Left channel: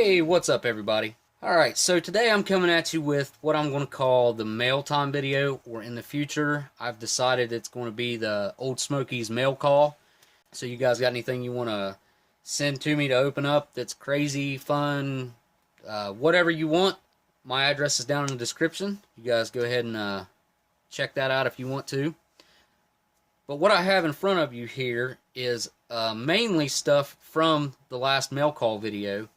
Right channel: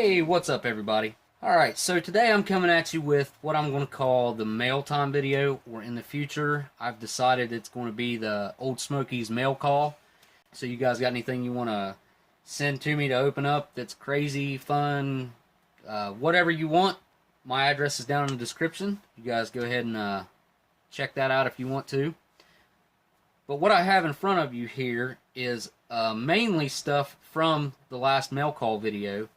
Hey, what's up everybody? Alright, so today I'm coming at you with what I'm going to call the mail time video, or in the future I've decided it's going to be the Oldsmokey's mail call. So you guys got anything you want to send to me to open up that's crazy, fun, whatever you want, my address is down in the description. You guys go ahead and check that out if you want to. But what I have in front of you here is mainly stuff from the last mail call video.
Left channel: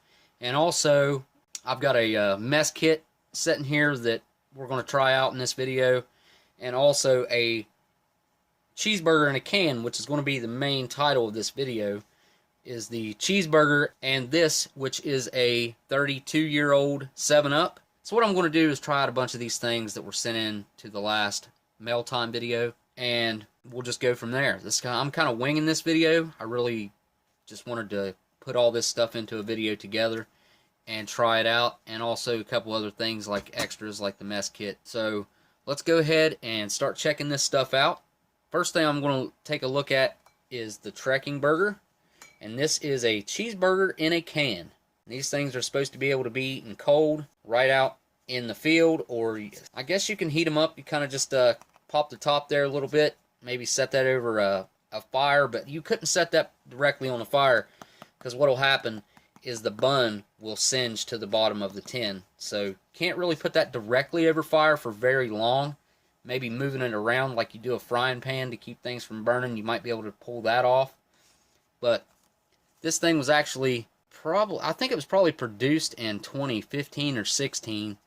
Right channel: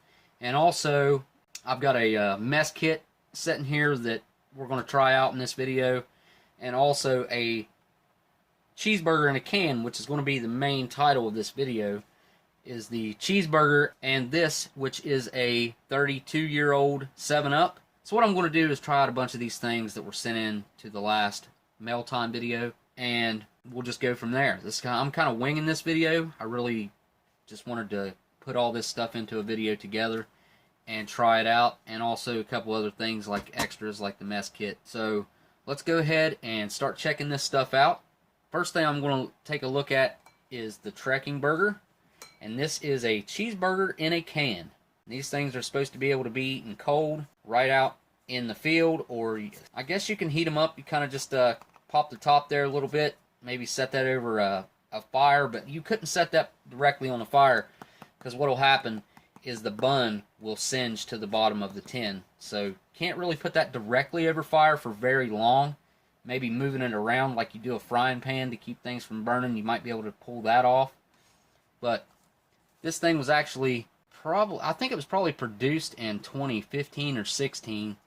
And also, I've got a mess kit sitting here that we're going to try out in this video. And also a cheeseburger in a can, which is going to be the main title of this video, is the cheeseburger and this, which is a 32-year-old 7-Up. So what I'm going to do is try out a bunch of these things that were sent in to the last mail time video. And we'll just go from there. I'm kind of winging this video. I really just wanted to put all this stuff into a video together and try it out, and also a couple other things like extras like the mess kit. So let's go ahead and start checking this stuff out. First thing I'm going to take a look at is the trekking burger, and this is a cheeseburger in a can. These things are supposed to be able to be eaten cold right out in the field, or I guess you can heat them up. You kind of just pop the top there a little bit, maybe set that over a fire, but you couldn't set that directly on the fire because what will happen is the bun will singe to the bottom of the tin. So can't really put that directly over fire for very long. Maybe moving it around like you do a frying pan to keep things from burning, you might be able to pull that off. But this thing was actually I think it was probably produced in 2015 or 16,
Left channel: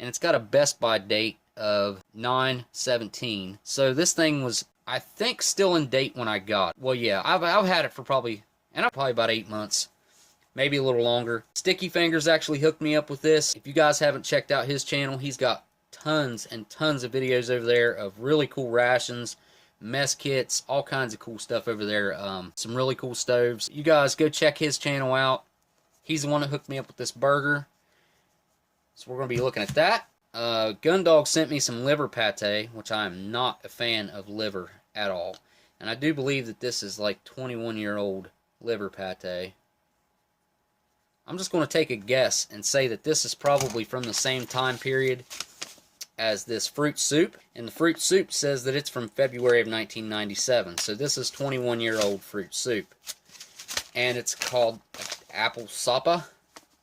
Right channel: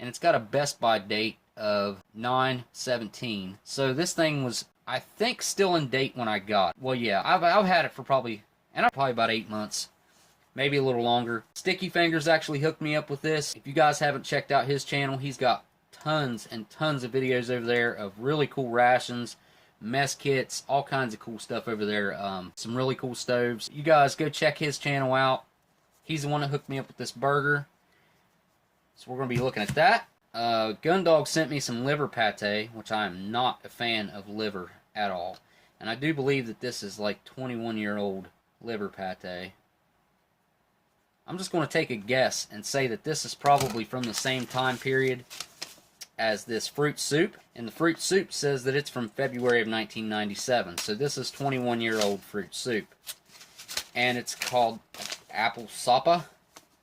and it's got a Best By date of 9/17. So this thing was, I think, still in date when I got it. Well, yeah, I've had it for probably about 8 months, maybe a little longer. Sticky Fingers actually hooked me up with this. If you guys haven't checked out his channel, he's got tons and tons of videos over there of really cool rations, mess kits, all kinds of cool stuff over there. Some really cool stoves. You guys go check his channel out. He's the one that hooked me up with this burger. So we're going to be looking at that. Gundog sent me some liver pate, which I am not a fan of liver at all. And I do believe that this is like 21-year-old liver pate. I'm just going to take a guess and say that this is probably from the same time period as this fruit soup. And the fruit soup says that it's from February of 1997. So this is 21-year-old fruit soup. And it's called apple sapa.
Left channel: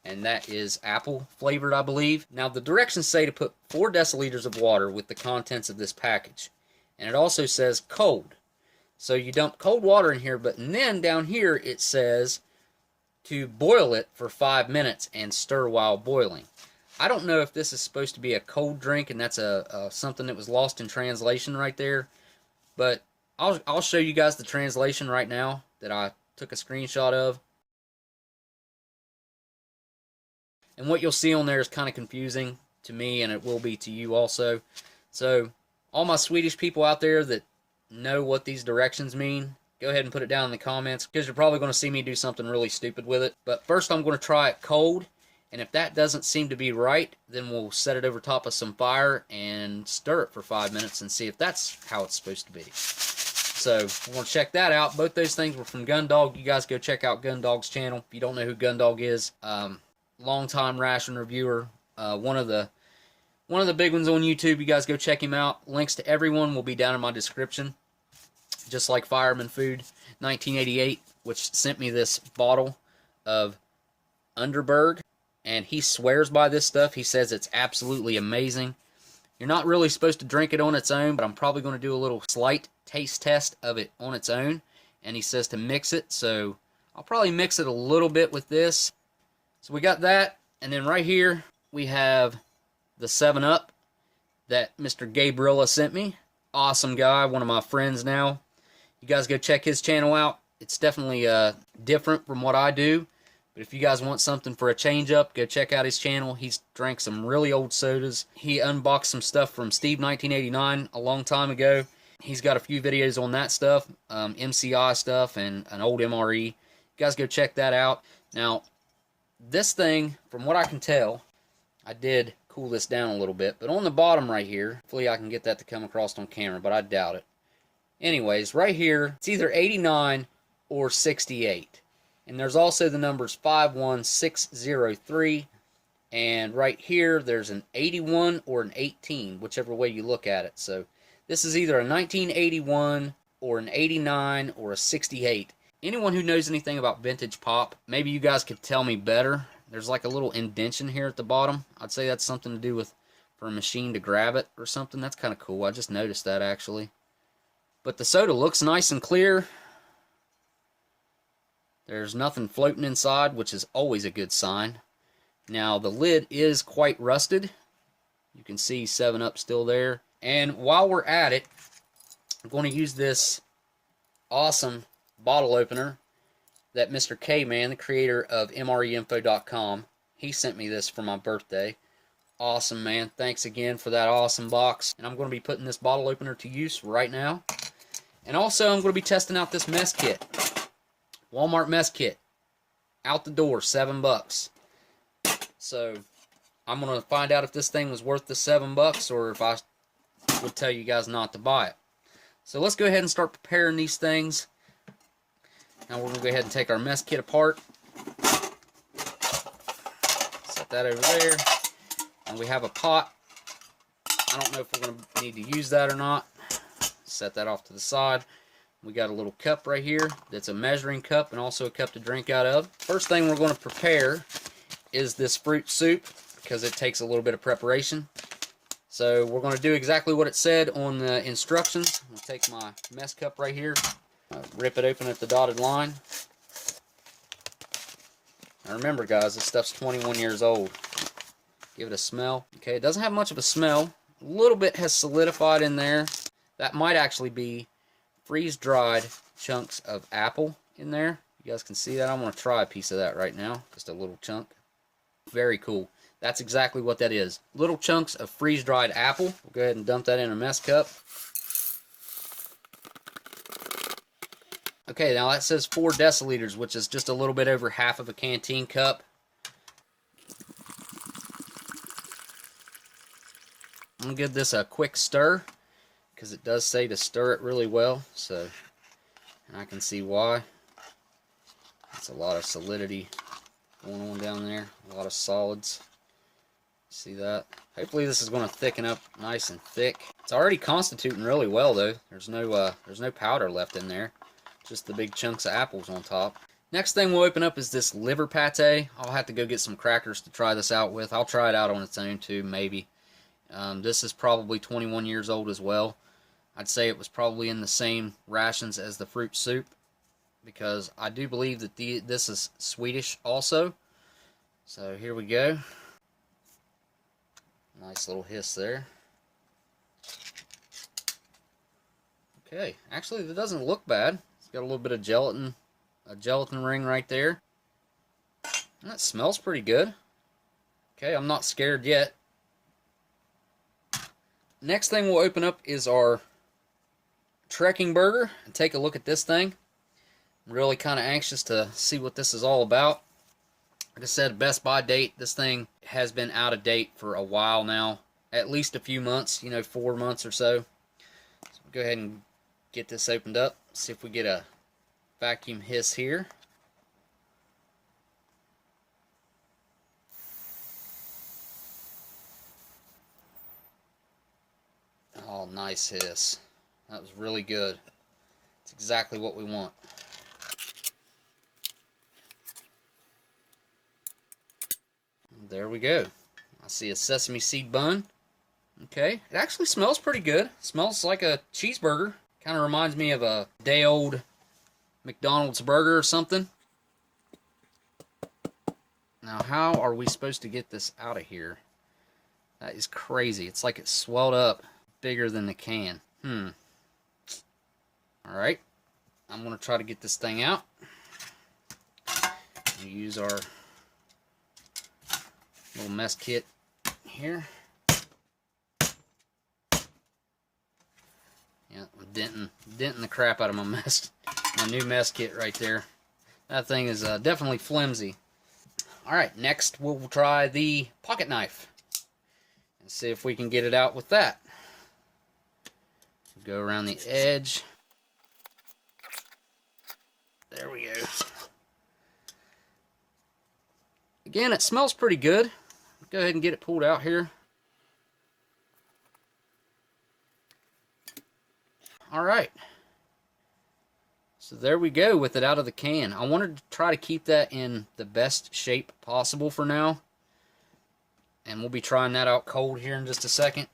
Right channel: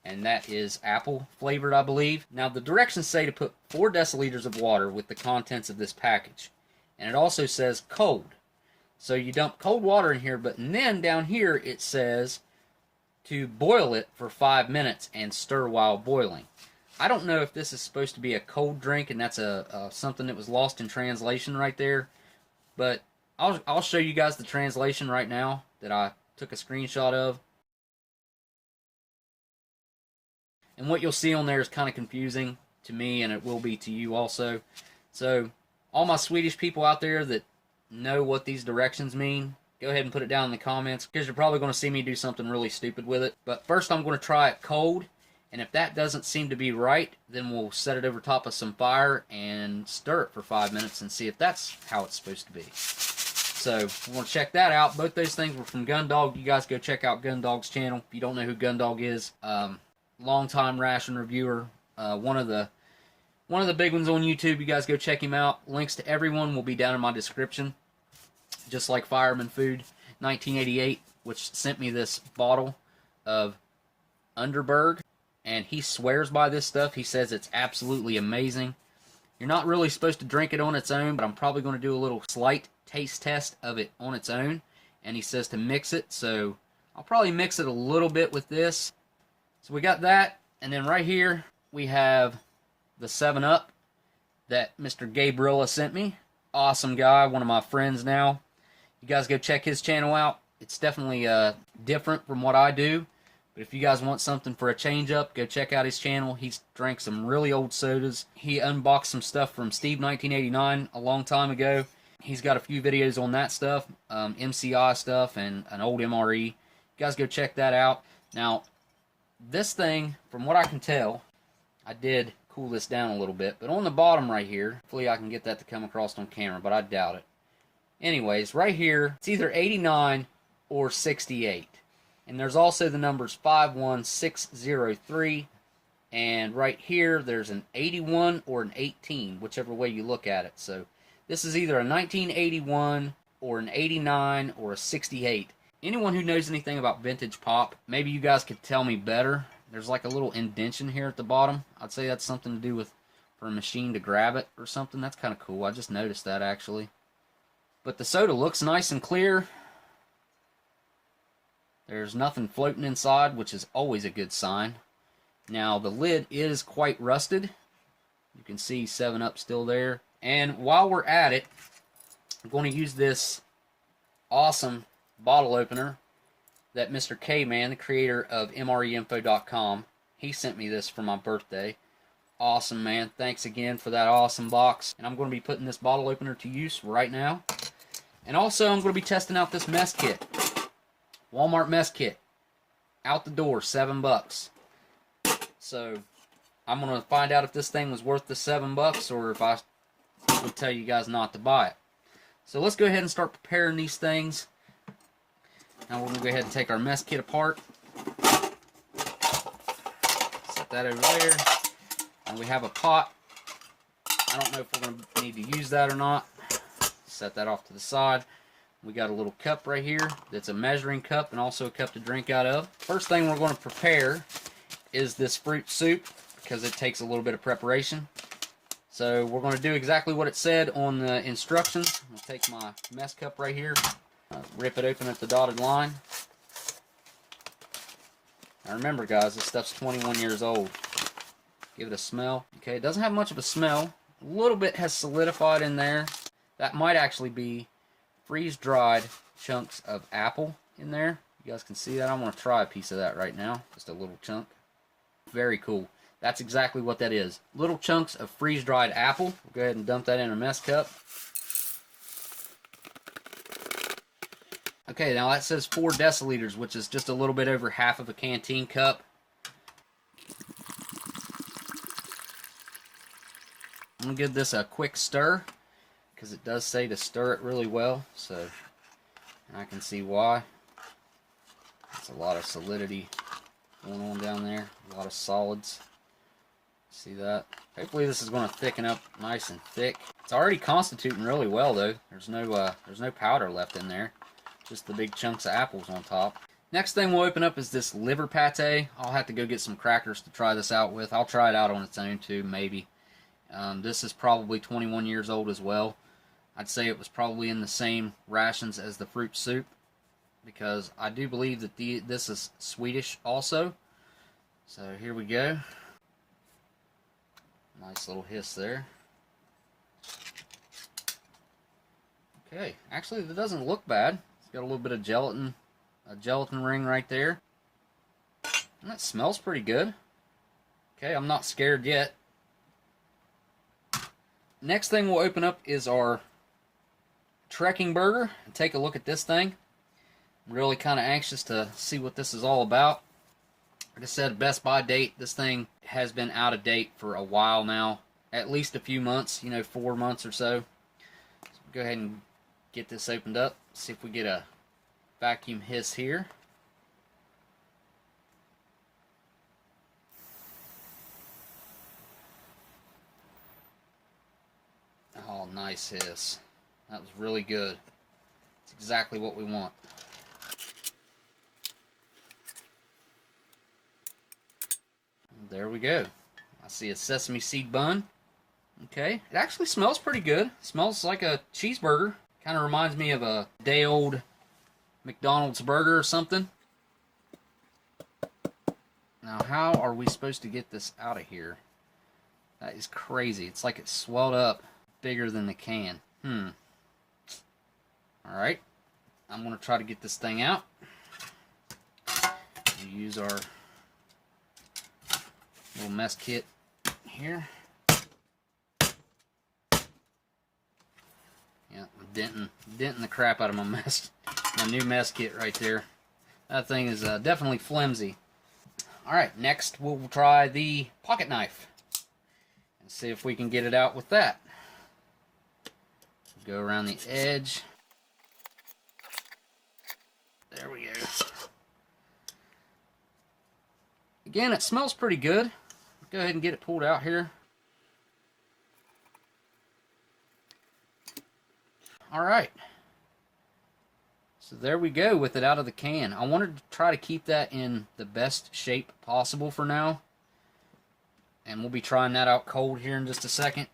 And that is apple flavored, I believe. Now, the directions say to put 4 deciliters of water with the contents of this package. And it also says cold. So you dump cold water in here, but then down here it says to boil it for 5 minutes and stir while boiling. I don't know if this is supposed to be a cold drink, and that's something that was lost in translation right there. But I'll show you guys the translation right now that I took a screenshot of. And what you'll see on there is kind of confusing to me, and it will be to you also. So all my Swedish people out there that know what these directions mean, go ahead and put it down in the comments, because you're probably going to see me do something really stupid with it. But first I'm going to try it cold, and if that doesn't seem to be right, then we'll set it over top of some fire and stir it for 5 minutes and see if that's how it's supposed to be. So we're going to check that out. Both those things were from Gundog. You guys go check out Gundog's channel. If you don't know who Gundog is, long-time ration reviewer, one of the big ones on YouTube. You guys go check him out. Links to everyone will be down in my description. Just like Fireman Food 1988, which sent me this bottle of Underberg, and he swears by this stuff. He says it's absolutely amazing. You're not really supposed to drink it on its own, but I'm probably going to do a little slight taste test of it on its own, and he says to mix it, so I'll probably mix it a little bit with this. So we got that, and then right here we have the 7-Up that Mr. Gabriella sent me. Awesome guy, one of my friends now. You guys go check his channel out. It's definitely different from what I do, but if you guys want something for a change up, go check out his channel. He's drank some really old sodas. He unboxed some stuff from Steve 1989 a long time ago. He's got a few videos on that stuff, MCI stuff and an old MRE. You guys go check that out. Now, this thing, from what I can tell, I did cool this down a little bit, but on the bottom right here, hopefully I can get that to come across on camera, but I doubt it. Anyways, right here, it's either 89 or 68. And there's also the numbers 51603, and right here there's an 81 or an 18, whichever way you look at it. So this is either a 1981 or an 89 or a 68. Anyone who knows anything about vintage pop, maybe you guys could tell me better. There's like a little indentation here at the bottom. I'd say that's something to do with for a machine to grab it or something. That's kind of cool. I just noticed that actually. But the soda looks nice and clear. There's nothing floating inside, which is always a good sign. Now, the lid is quite rusted. You can see 7-Up still there. And while we're at it, I'm going to use this awesome bottle opener that Mr. K-Man, the creator of MREinfo.com, he sent me this for my birthday. Awesome, man. Thanks again for that awesome box. And I'm going to be putting this bottle opener to use right now. And also, I'm going to be testing out this mess kit. Walmart mess kit. Out the door, $7. So, I'm going to find out if this thing was worth the $7 or if I would tell you guys not to buy it. So, let's go ahead and start preparing these things. Now, we're going to go ahead and take our mess kit apart. Set that over there. And we have a pot. I don't know if we're going to need to use that or not. Set that off to the side. We got a little cup right here that's a measuring cup and also a cup to drink out of. First thing we're going to prepare is this fruit soup because it takes a little bit of preparation. So we're going to do exactly what it said on the instructions. I'll take my mess cup right here, rip it open at the dotted line. Now remember guys, this stuff's 21 years old. Give it a smell. Okay, it doesn't have much of a smell. A little bit has solidified in there. That might actually be freeze-dried chunks of apple in there. You guys can see that. I'm going to try a piece of that right now. Just a little chunk. Very cool. That's exactly what that is. Little chunks of freeze-dried apple. We'll go ahead and dump that in a mess cup. Okay, now that says 4 deciliters, which is just a little bit over half of a canteen cup. I'm going to give this a quick stir, because it does say to stir it really well, so, and I can see why. It's a lot of solidity going on down there, a lot of solids. See that? Hopefully this is going to thicken up nice and thick. It's already constituting really well though. There's no powder left in there, just the big chunks of apples on top. Next thing we'll open up is this liver pate. I'll have to go get some crackers to try this out with. I'll try it out on its own too, maybe. This is probably 21 years old as well. I'd say it was probably in the same rations as the fruit soup, because I do believe that this is Swedish also. So here we go. Nice little hiss there. Okay, actually that doesn't look bad. It's got a little bit of gelatin, a gelatin ring right there. And that smells pretty good. Okay, I'm not scared yet. Next thing we'll open up is our trekking burger and take a look at this thing. I'm really kind of anxious to see what this is all about. Like I said, Best Buy date. This thing has been out of date for a while now. At least a few months, 4 months or so. So go ahead and get this opened up. See if we get a vacuum hiss here. Oh, nice hiss. That was really good. It's exactly what we want. And there we go. I see a sesame seed bun. Okay, it actually smells pretty good. It smells like a cheeseburger. Kind of reminds me of a day-old McDonald's burger or something. Now, how are we supposed to get this out of here? That is crazy. It's like it's swelled up bigger than the can. Alright, I'm going to try to get this thing out. We'll use our little mess kit here. Yeah, I'm denting the crap out of my new mess kit right there. That thing is definitely flimsy. Alright, next we'll try the pocket knife and see if we can get it out with that. Go around the edge. There we go. Again, it smells pretty good. Go ahead and get it pulled out here. Alright. So there we go with it out of the can. I wanted to try to keep that in the best shape possible for now. And we'll be trying that out cold here in just a second.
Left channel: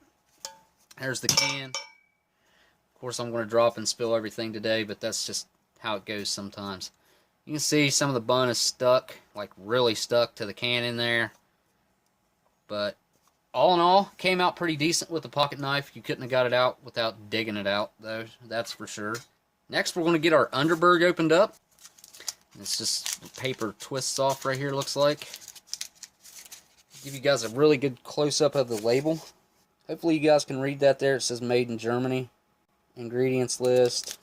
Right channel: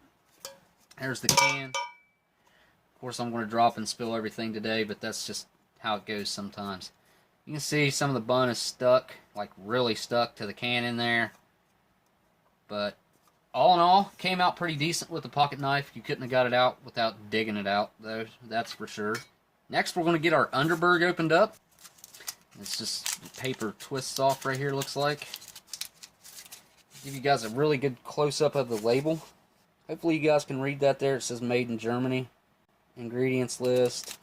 There's the can. Of course, I'm going to drop and spill everything today, but that's just how it goes sometimes. You can see some of the bun is stuck, like really stuck to the can in there. But all in all, came out pretty decent with the pocket knife. You couldn't have got it out without digging it out, though, that's for sure. Next, we're going to get our Underberg opened up. It's just the paper twists off right here, looks like. Give you guys a really good close-up of the label. Hopefully you guys can read that there. It says made in Germany. Ingredients list.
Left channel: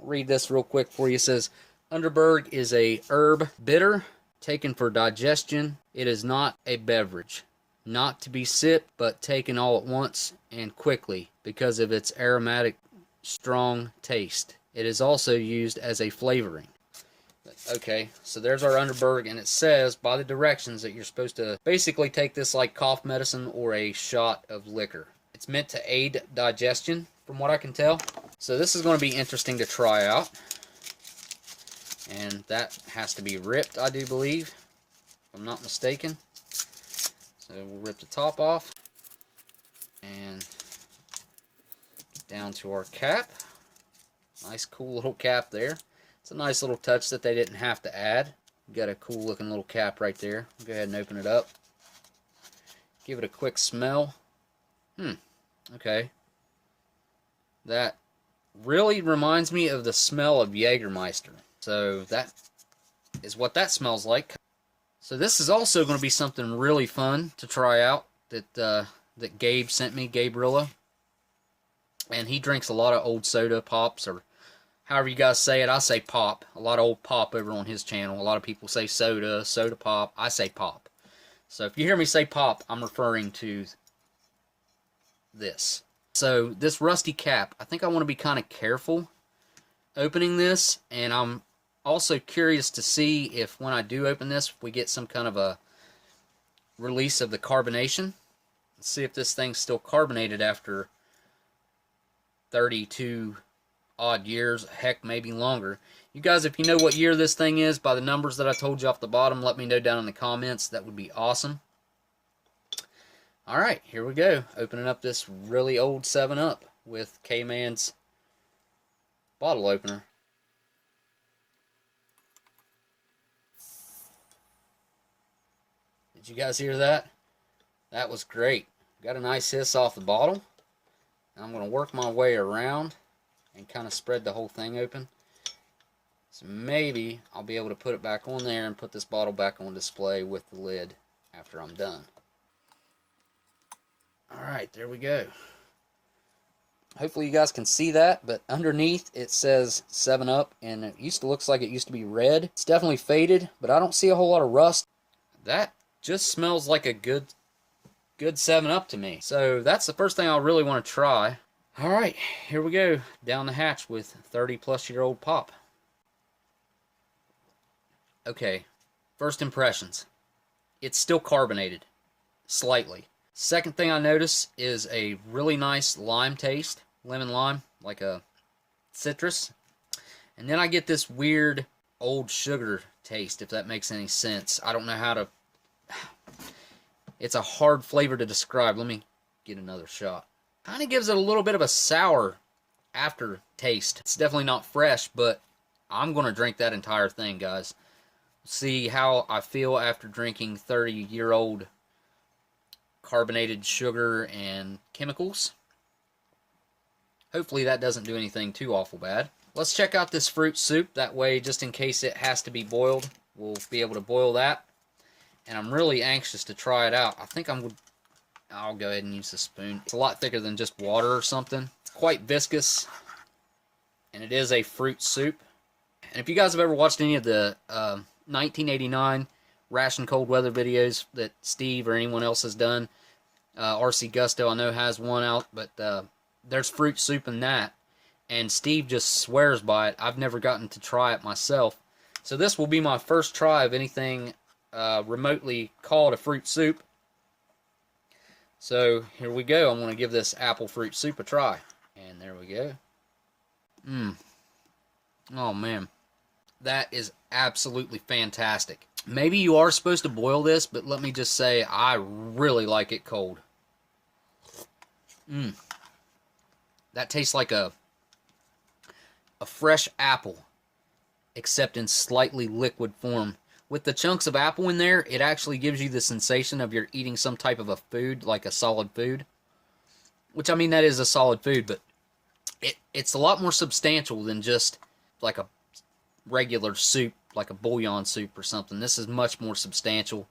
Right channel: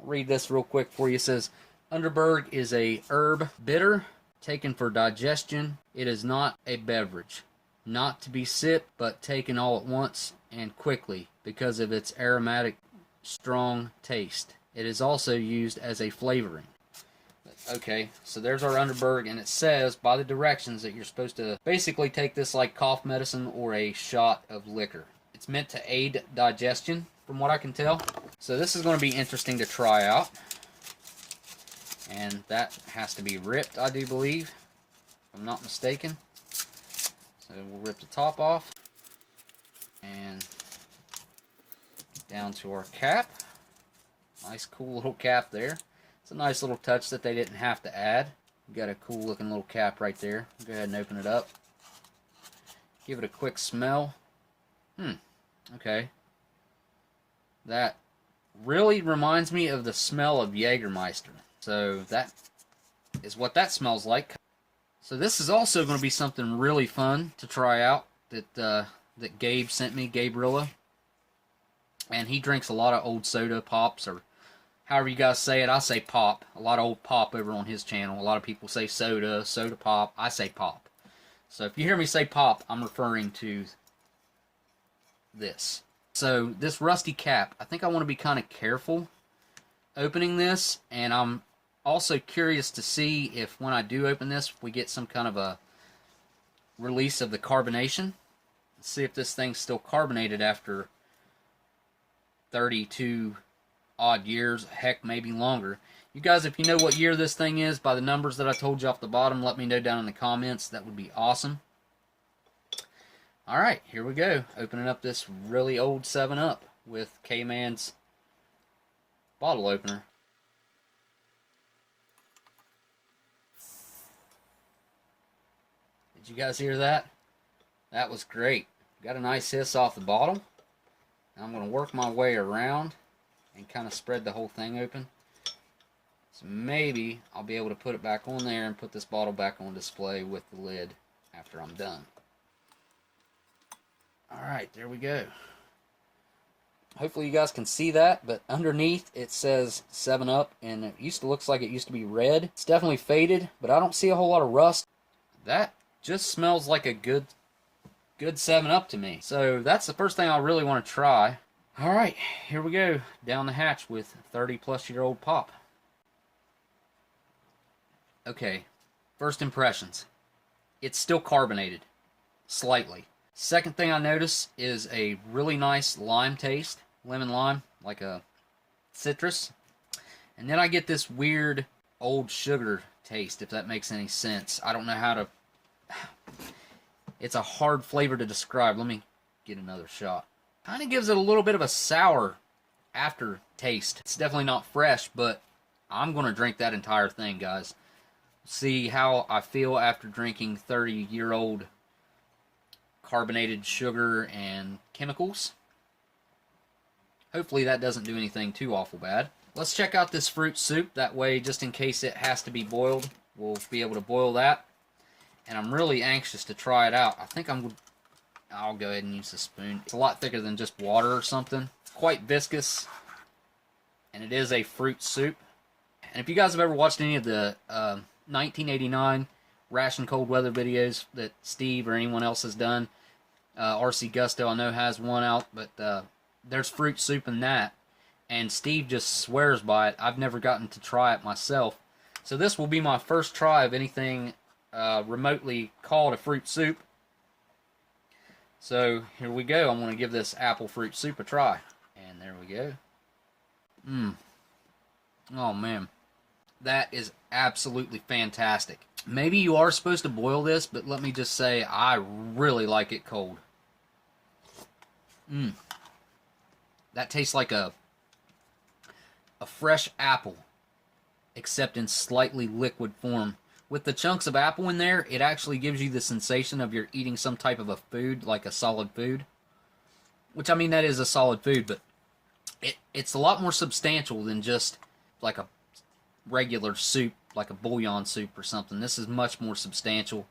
I'll read this real quick for you. It says, Underberg is a herb bitter taken for digestion. It is not a beverage. Not to be sipped, but taken all at once and quickly because of its aromatic, strong taste. It is also used as a flavoring. Okay, so there's our Underberg, and it says by the directions that you're supposed to basically take this like cough medicine or a shot of liquor. It's meant to aid digestion, from what I can tell. So this is going to be interesting to try out. And that has to be ripped, I do believe, if I'm not mistaken. So we'll rip the top off. And down to our cap. Nice cool little cap there. It's a nice little touch that they didn't have to add. Got a cool looking little cap right there. Go ahead and open it up. Give it a quick smell. Okay. That really reminds me of the smell of Jägermeister. So that is what that smells like. So this is also going to be something really fun to try out that Gabe sent me, Gabe Rilla. And he drinks a lot of old soda pops, or however you guys say it. I say pop. A lot of old pop over on his channel. A lot of people say soda, soda pop. I say pop. So if you hear me say pop, I'm referring to this. So this rusty cap, I think I want to be kind of careful opening this, and I'm also curious to see if when I do open this, if we get some kind of a release of the carbonation. Let's see if this thing's still carbonated after 32 odd years, heck, maybe longer. You guys, if you know what year this thing is by the numbers that I told you off the bottom, let me know down in the comments. That would be awesome. Alright, here we go. Opening up this really old 7-Up with K-Man's bottle opener. Did you guys hear that? That was great. Got a nice hiss off the bottle. And I'm going to work my way around and kind of spread the whole thing open. So maybe I'll be able to put it back on there and put this bottle back on display with the lid after I'm done. Alright, there we go. Hopefully you guys can see that, but underneath it says 7-Up, and it looks like it used to be red. It's definitely faded, but I don't see a whole lot of rust. That just smells like a good 7-Up to me. So that's the first thing I really want to try. Alright, here we go. Down the hatch with 30-plus-year-old pop. Okay, first impressions. It's still carbonated. Slightly. Second thing I notice is a really nice lime taste. Lemon lime, like a citrus. And then I get this weird old sugar taste, if that makes any sense. I don't know how to... It's a hard flavor to describe. Let me get another shot. Kind of gives it a little bit of a sour aftertaste. It's definitely not fresh, but I'm going to drink that entire thing, guys. See how I feel after drinking 30-year-old carbonated sugar and chemicals. Hopefully that doesn't do anything too awful bad. Let's check out this fruit soup. That way, just in case it has to be boiled, we'll be able to boil that. And I'm really anxious to try it out. I think I'll go ahead and use the spoon. It's a lot thicker than just water or something. It's quite viscous. And it is a fruit soup. And if you guys have ever watched any of the 1989 Ration cold weather videos that Steve or anyone else has done, RC Gusto I know has one out, but there's fruit soup in that. And Steve just swears by it. I've never gotten to try it myself. So this will be my first try of anything remotely called a fruit soup. So here we go. I'm going to give this apple fruit soup a try. And there we go. Oh man. That is absolutely fantastic. Maybe you are supposed to boil this, but let me just say I really like it cold. That tastes like a fresh apple, except in slightly liquid form. With the chunks of apple in there, it actually gives you the sensation of you're eating some type of a food, like a solid food. Which, I mean, that is a solid food, but it's a lot more substantial than just like a regular soup, like a bouillon soup or something. This is much more substantial.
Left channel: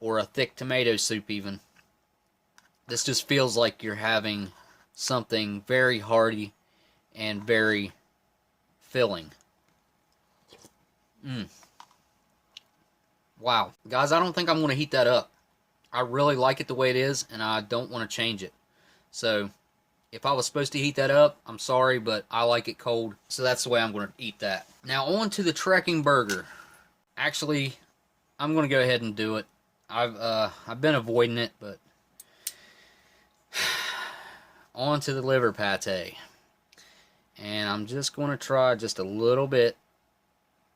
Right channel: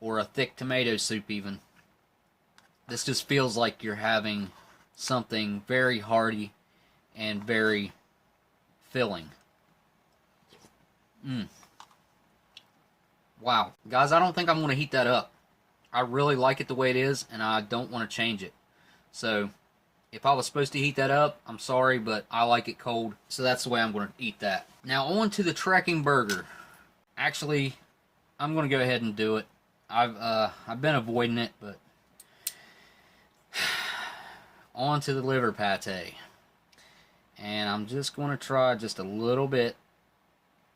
Or a thick tomato soup even. This just feels like you're having something very hearty and very filling. Wow. Guys, I don't think I'm going to heat that up. I really like it the way it is, and I don't want to change it. So, if I was supposed to heat that up, I'm sorry, but I like it cold, so that's the way I'm going to eat that. Now, on to the trekking burger. Actually, I'm going to go ahead and do it. I've been avoiding it, but on to the liver pate. And I'm just going to try just a little bit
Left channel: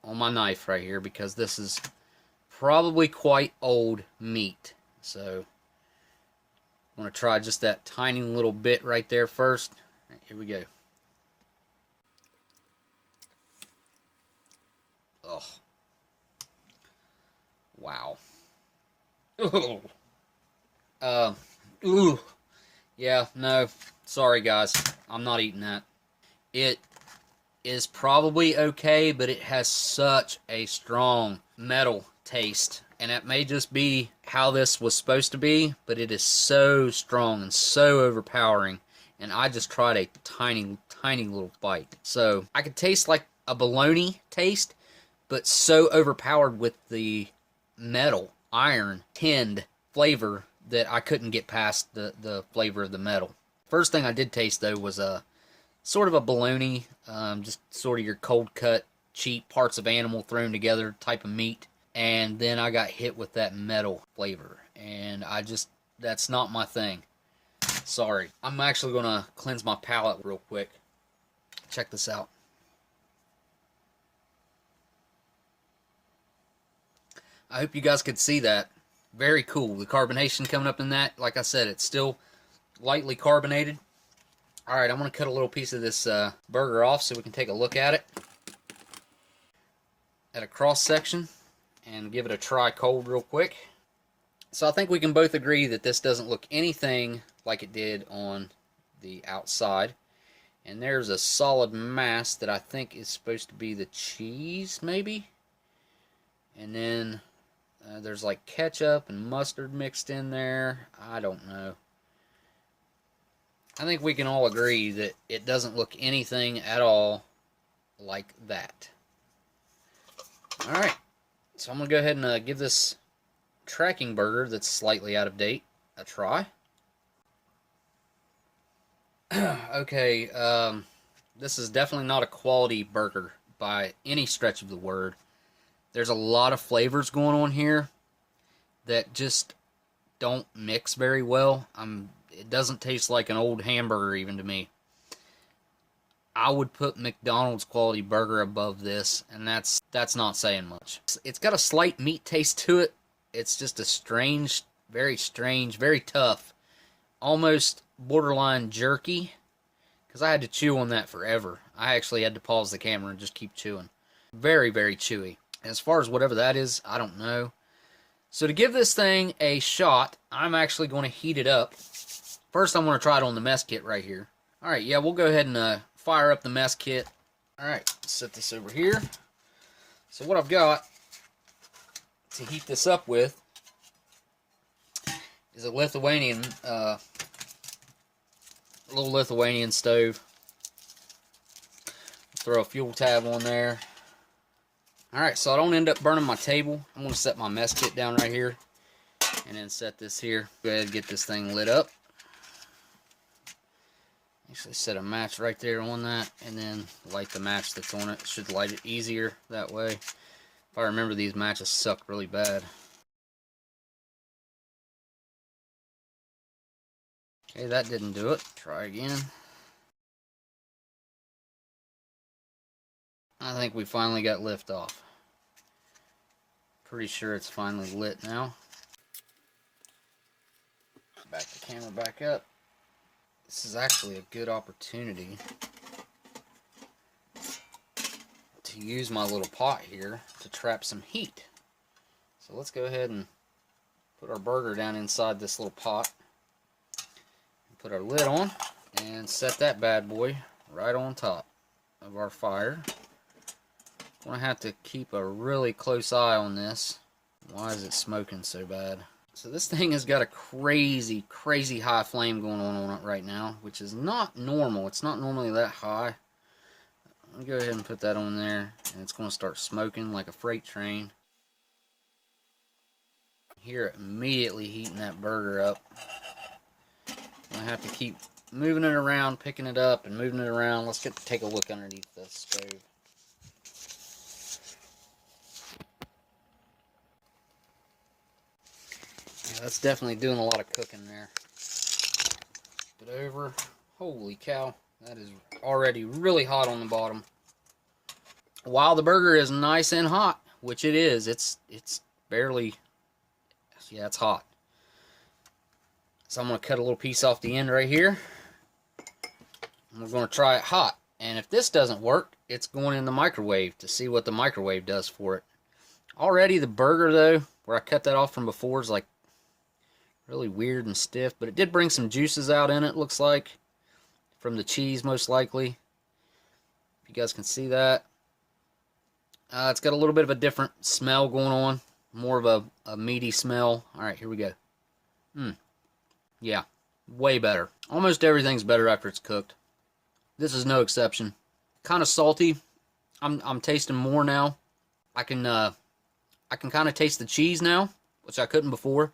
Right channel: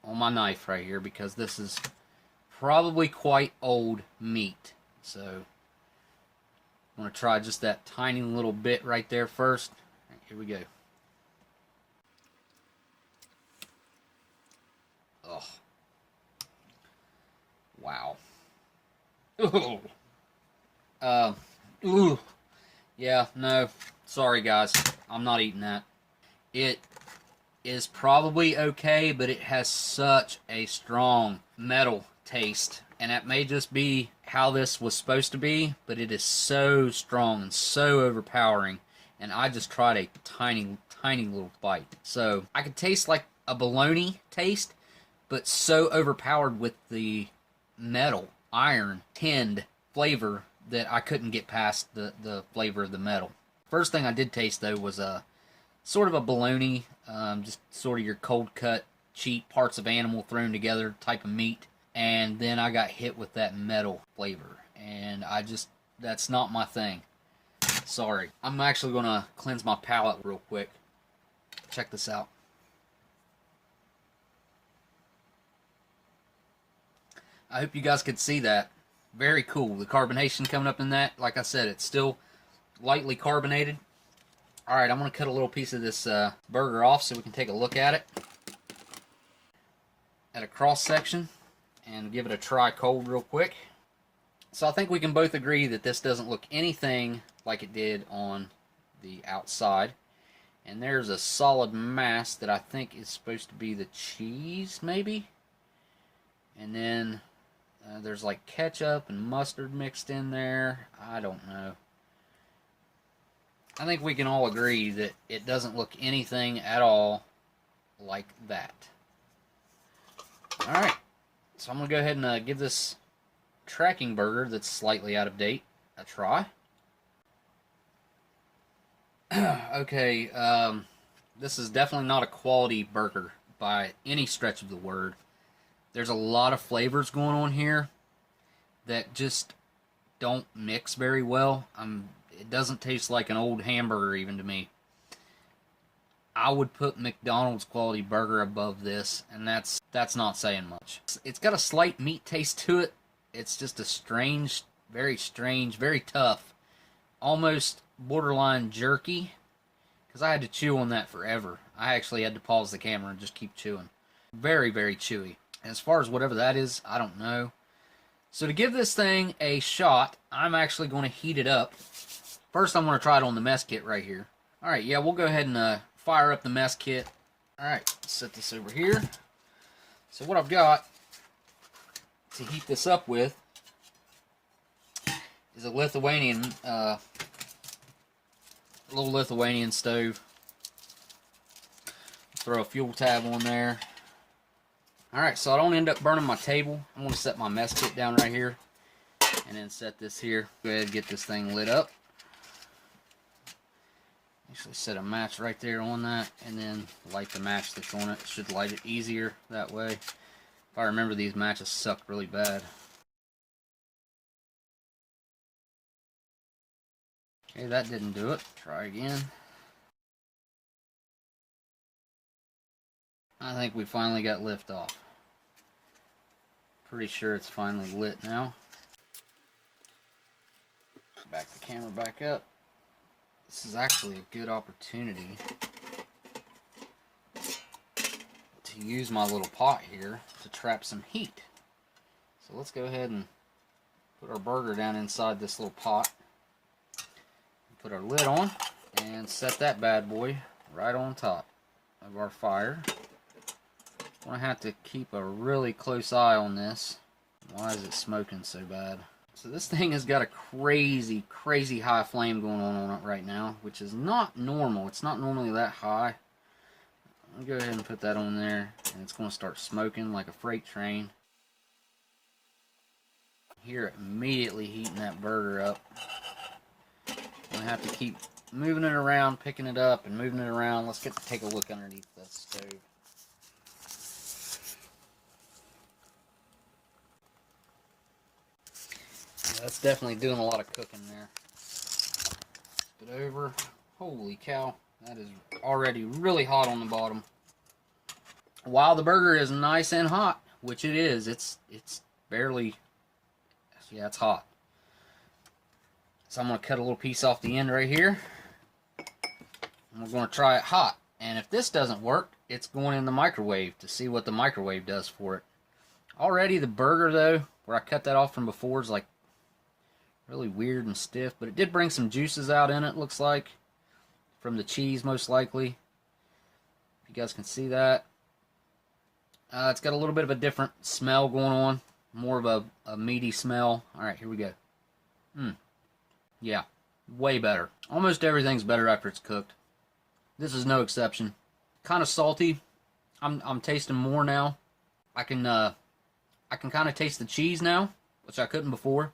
on my knife right here, because this is probably quite old meat. So I'm going to try just that tiny little bit right there first. Right, here we go. Oh. Wow. Ooh. Yeah, no. Sorry, guys. I'm not eating that. It is probably okay, but it has such a strong metal taste. And that may just be how this was supposed to be, but it is so strong and so overpowering. And I just tried a tiny, tiny little bite. So I could taste like a bologna taste, but so overpowered with the metal, iron, tinned flavor that I couldn't get past the flavor of the metal. First thing I did taste, though, was a sort of a bologna, just sort of your cold cut, cheap parts of animal thrown together type of meat. And then I got hit with that metal flavor. And that's not my thing. Sorry. I'm actually going to cleanse my palate real quick. Check this out. I hope you guys could see that. Very cool. The carbonation coming up in that. Like I said, it's still lightly carbonated. Alright, I'm going to cut a little piece of this burger off so we can take a look at it. At a cross section. And give it a try cold real quick. So I think we can both agree that this doesn't look anything like it did on the outside. And there's a solid mass that I think is supposed to be the cheese, maybe? And then there's like ketchup and mustard mixed in there. I don't know. I think we can all agree that it doesn't look anything at all like that. Alright. So I'm going to go ahead and give this tracking burger that's slightly out of date a try. Okay, this is definitely not a quality burger by any stretch of the word. There's a lot of flavors going on here that just don't mix very well. It doesn't taste like an old hamburger even to me. I would put McDonald's quality burger above this, and that's not saying much. It's got a slight meat taste to it. It's just a strange, very tough, almost borderline jerky, because I had to chew on that forever. I actually had to pause the camera and just keep chewing. Very, very chewy. As far as whatever that is, I don't know. So to give this thing a shot, I'm actually going to heat it up. First, I'm going to try it on the mess kit right here. Alright, yeah, we'll go ahead and fire up the mess kit. Alright, set this over here. So what I've got to heat this up with is a Lithuanian, little Lithuanian stove. Throw a fuel tab on there. Alright, so I don't end up burning my table. I'm going to set my mess kit down right here. And then set this here. Go ahead and get this thing lit up. Actually set a match right there on that, and then light the match that's on it. Should light it easier that way. If I remember, these matches suck really bad. Okay, that didn't do it. Try again. I think we finally got lift off. Pretty sure it's finally lit now. Back the camera back up. This is actually a good opportunity to use my little pot here to trap some heat. So let's go ahead and put our burger down inside this little pot. Put our lid on and set that bad boy right on top of our fire. We're going to have to keep a really close eye on this. Why is it smoking so bad? So this thing has got a crazy, crazy high flame going on it right now, which is not normal. It's not normally that high. Let me go ahead and put that on there, and it's going to start smoking like a freight train. Hear it immediately heating that burger up. I have to keep moving it around, picking it up, and moving it around. Let's take a look underneath the stove. Yeah, that's definitely doing a lot of cooking there. Flip it over. Holy cow, that is already really hot on the bottom. While the burger is nice and hot, which it is, it's barely, yeah, it's hot. So I'm going to cut a little piece off the end right here. And we're going to try it hot. And if this doesn't work, it's going in the microwave to see what the microwave does for it. Already the burger, though, where I cut that off from before, is like really weird and stiff. But it did bring some juices out in it, looks like. From the cheese, most likely. If you guys can see that. It's got a little bit of a different smell going on. More of a meaty smell. Alright, here we go. Yeah, way better. Almost everything's better after it's cooked. This is no exception. Kind of salty. I'm tasting more now. I can kind of taste the cheese now, which I couldn't before.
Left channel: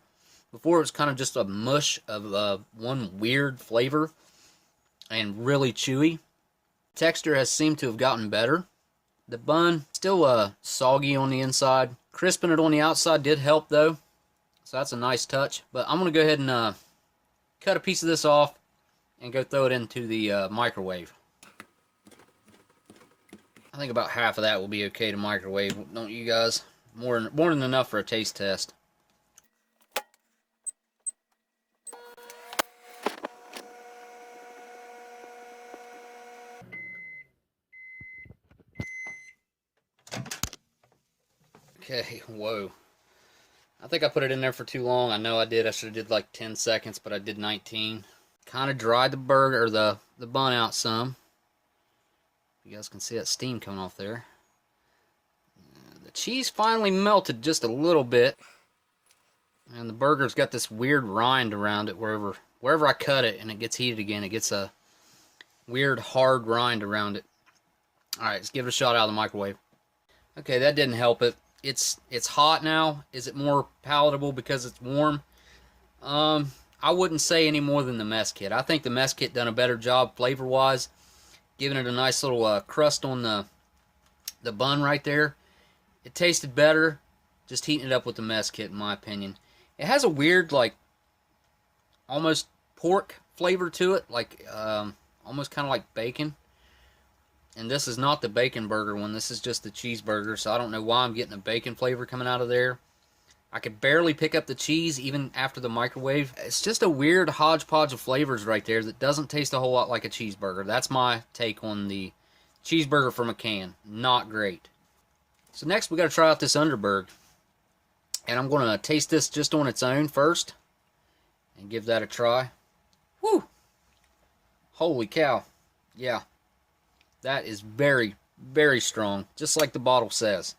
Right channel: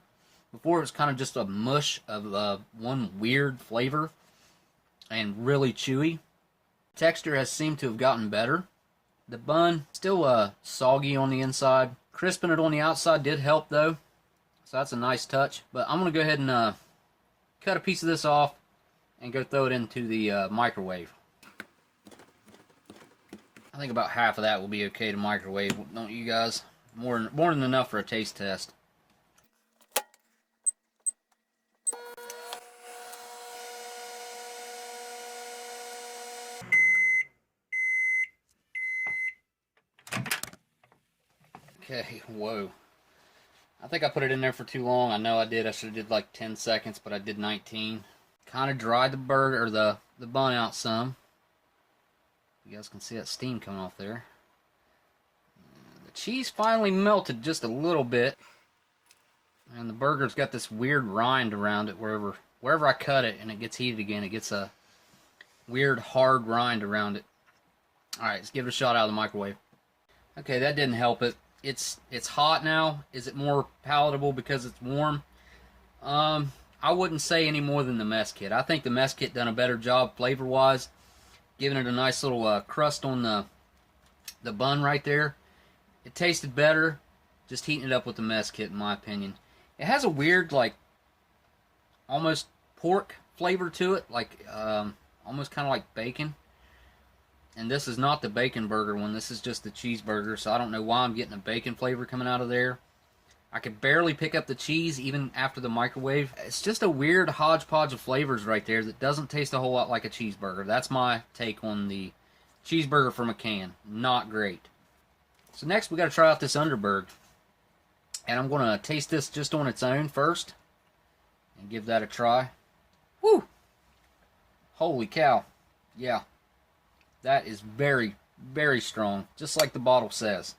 Before it was kind of just a mush of one weird flavor and really chewy. Texture has seemed to have gotten better. The bun still soggy on the inside. Crisping it on the outside did help though, so that's a nice touch. But I'm gonna go ahead and cut a piece of this off and go throw it into the microwave. I think about half of that will be okay to microwave, don't you guys? More than enough for a taste test. Okay, whoa. I think I put it in there for too long. I know I did. I should have did like 10 seconds, but I did 19. Kind of dried the burger, or the bun out some. You guys can see that steam coming off there. The cheese finally melted just a little bit. And the burger's got this weird rind around it wherever I cut it and it gets heated again. It gets a weird hard rind around it. Alright, let's give it a shot out of the microwave. Okay, that didn't help it. It's hot now. Is it more palatable because it's warm? I wouldn't say any more than the mess kit. I think the mess kit done a better job flavor-wise, giving it a nice little crust on the bun right there. It tasted better just heating it up with the mess kit, in my opinion. It has a weird, like, almost pork flavor to it, like almost kind of like bacon. And this is not the bacon burger one. This is just the cheeseburger, so I don't know why I'm getting a bacon flavor coming out of there. I could barely pick up the cheese even after the microwave. It's just a weird hodgepodge of flavors right there that doesn't taste a whole lot like a cheeseburger. That's my take on the cheeseburger from a can. Not great. So next we got to try out this Underberg. And I'm going to taste this just on its own first. And give that a try. Woo! Holy cow. Yeah. That is very, very strong. Just like the bottle says.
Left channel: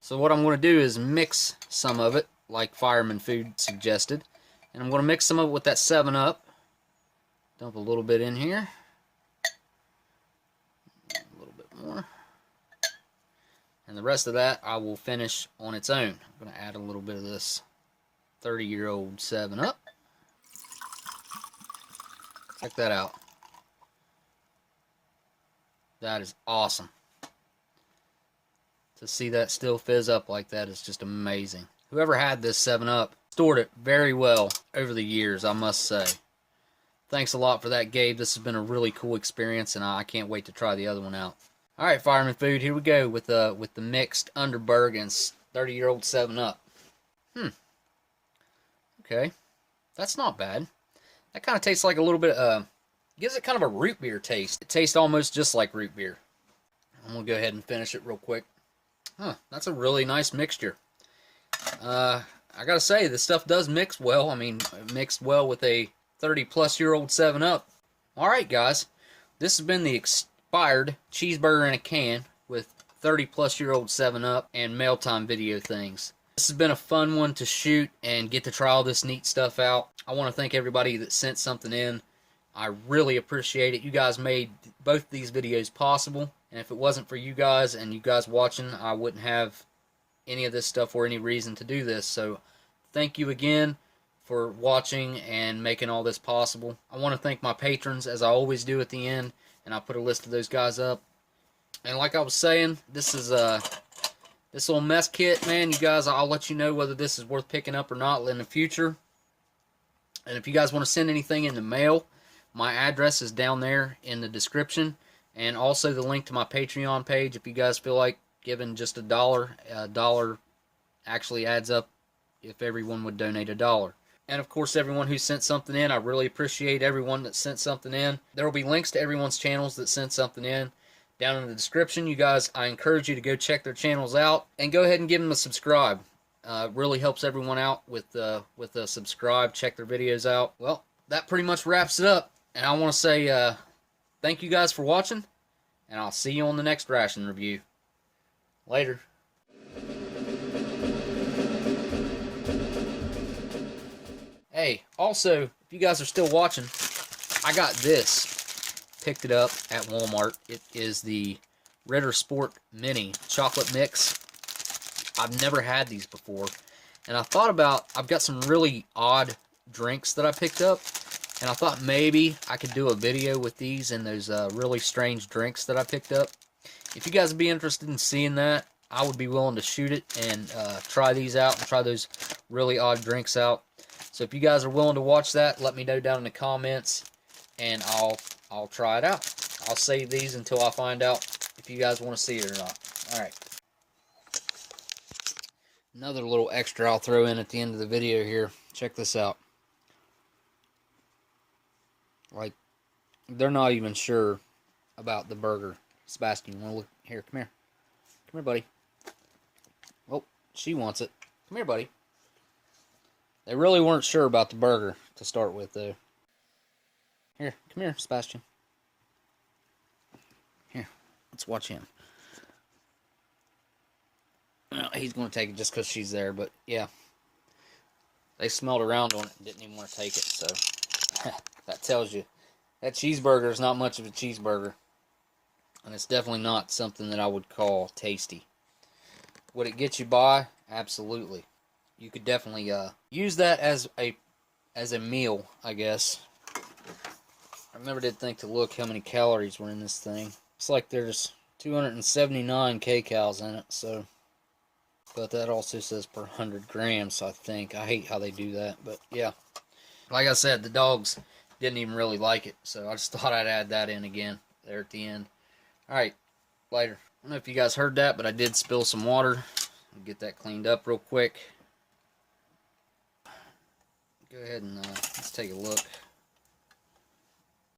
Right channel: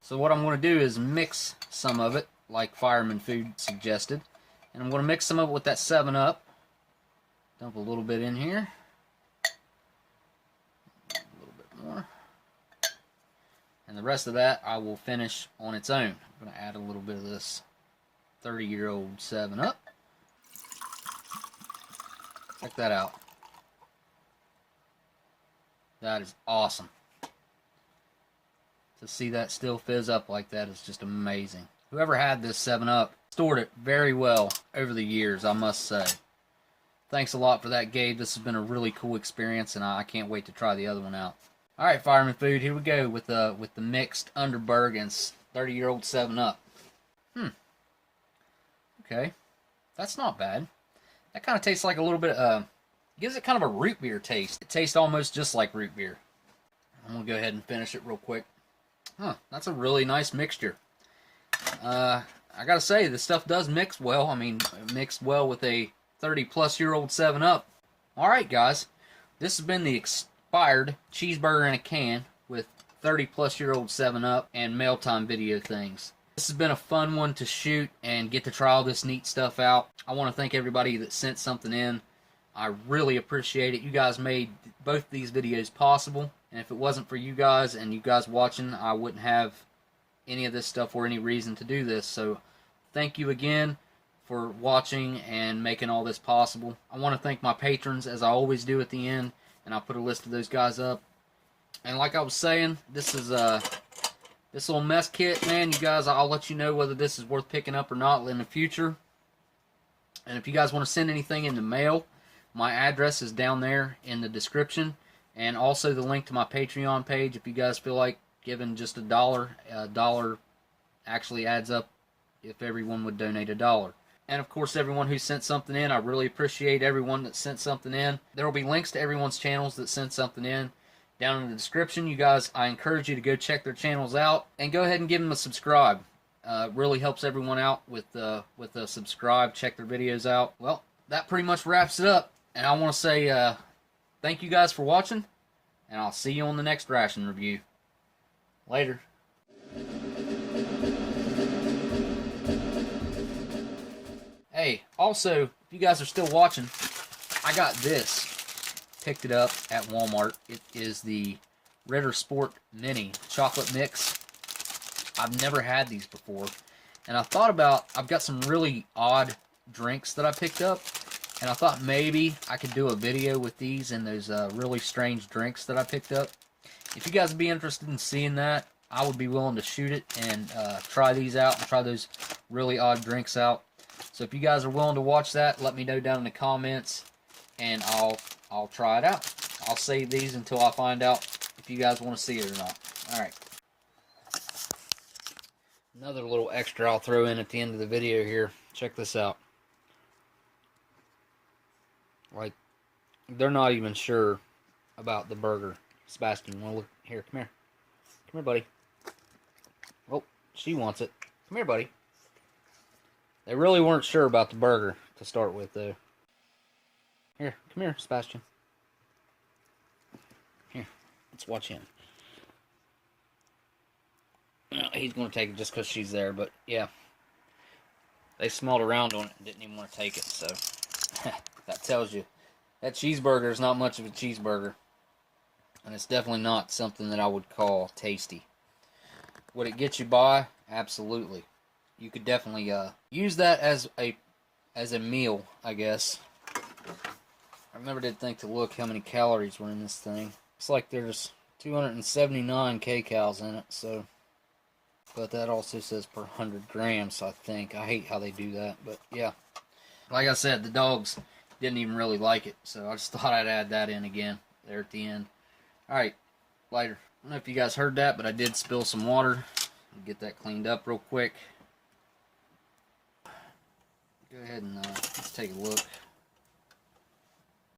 So what I'm going to do is mix some of it, like Fireman Food suggested. And I'm going to mix some of it with that 7-Up. Dump a little bit in here. A little bit more. And the rest of that I will finish on its own. I'm going to add a little bit of this 30-year-old 7-Up. Check that out. That is awesome. To see that still fizz up like that is just amazing. Whoever had this 7-Up stored it very well over the years, I must say. Thanks a lot for that, Gabe. This has been a really cool experience, and I can't wait to try the other one out. All right, Fireman Food, here we go with the mixed Underberg and 30-year-old 7-Up. Okay, that's not bad. That kind of tastes like a little bit, gives it kind of a root beer taste. It tastes almost just like root beer. I'm going to go ahead and finish it real quick. Huh, that's a really nice mixture. I got to say, this stuff does mix well. I mean, it mixed well with a 30-plus-year-old 7-Up. All right, guys. This has been the expired cheeseburger in a can with 30-plus-year-old 7-Up and mail time video things. This has been a fun one to shoot and get to try all this neat stuff out. I want to thank everybody that sent something in. I really appreciate it. You guys made both these videos possible. And if it wasn't for you guys and you guys watching, I wouldn't have any of this stuff or any reason to do this. So thank you again for watching and making all this possible. I want to thank my patrons, as I always do at the end, and I'll put a list of those guys up. And like I was saying, this is this little mess kit, man. You guys, I'll let you know whether this is worth picking up or not in the future. And if you guys want to send anything in the mail, my address is down there in the description, and also the link to my Patreon page. If you guys feel like giving just a dollar actually adds up if everyone would donate $1. And of course, everyone who sent something in, I really appreciate everyone that sent something in. There will be links to everyone's channels that sent something in down in the description. You guys, I encourage you to go check their channels out and go ahead and give them a subscribe. It really helps everyone out with a subscribe. Check their videos out. Well, that pretty much wraps it up. And I want to say thank you guys for watching, and I'll see you on the next ration review. Later. Hey, also, if you guys are still watching, I got this. Picked it up at Walmart. It is the Ritter Sport Mini Chocolate Mix. I've never had these before. And I thought about, I've got some really odd drinks that I picked up. And I thought maybe I could do a video with these and those really strange drinks that I picked up. If you guys would be interested in seeing that, I would be willing to shoot it and try these out and try those really odd drinks out. So if you guys are willing to watch that, let me know down in the comments, and I'll try it out. I'll save these until I find out if you guys want to see it or not. Alright. Another little extra I'll throw in at the end of the video here. Check this out. Like, they're not even sure about the burger. Sebastian, you want to look? Here, come here. Come here, buddy. Oh, she wants it. Come here, buddy. They really weren't sure about the burger to start with, though. Here, come here, Sebastian. Here, let's watch him. No, he's going to take it just because she's there, but yeah. They smelled around on it and didn't even want to take it, so that tells you. That cheeseburger is not much of a cheeseburger. And it's definitely not something that I would call tasty. Would it get you by? Absolutely. You could definitely use that as a meal, I guess. I never did think to look how many calories were in this thing. It's like there's 279 kcals in it, so. But that also says per 100 grams, I think. I hate how they do that, but yeah. Like I said, the dogs didn't even really like it, so I just thought I'd add that in again there at the end. Alright, later. I don't know if you guys heard that, but I did spill some water. I'll get that cleaned up real quick. Go ahead and let's take a look.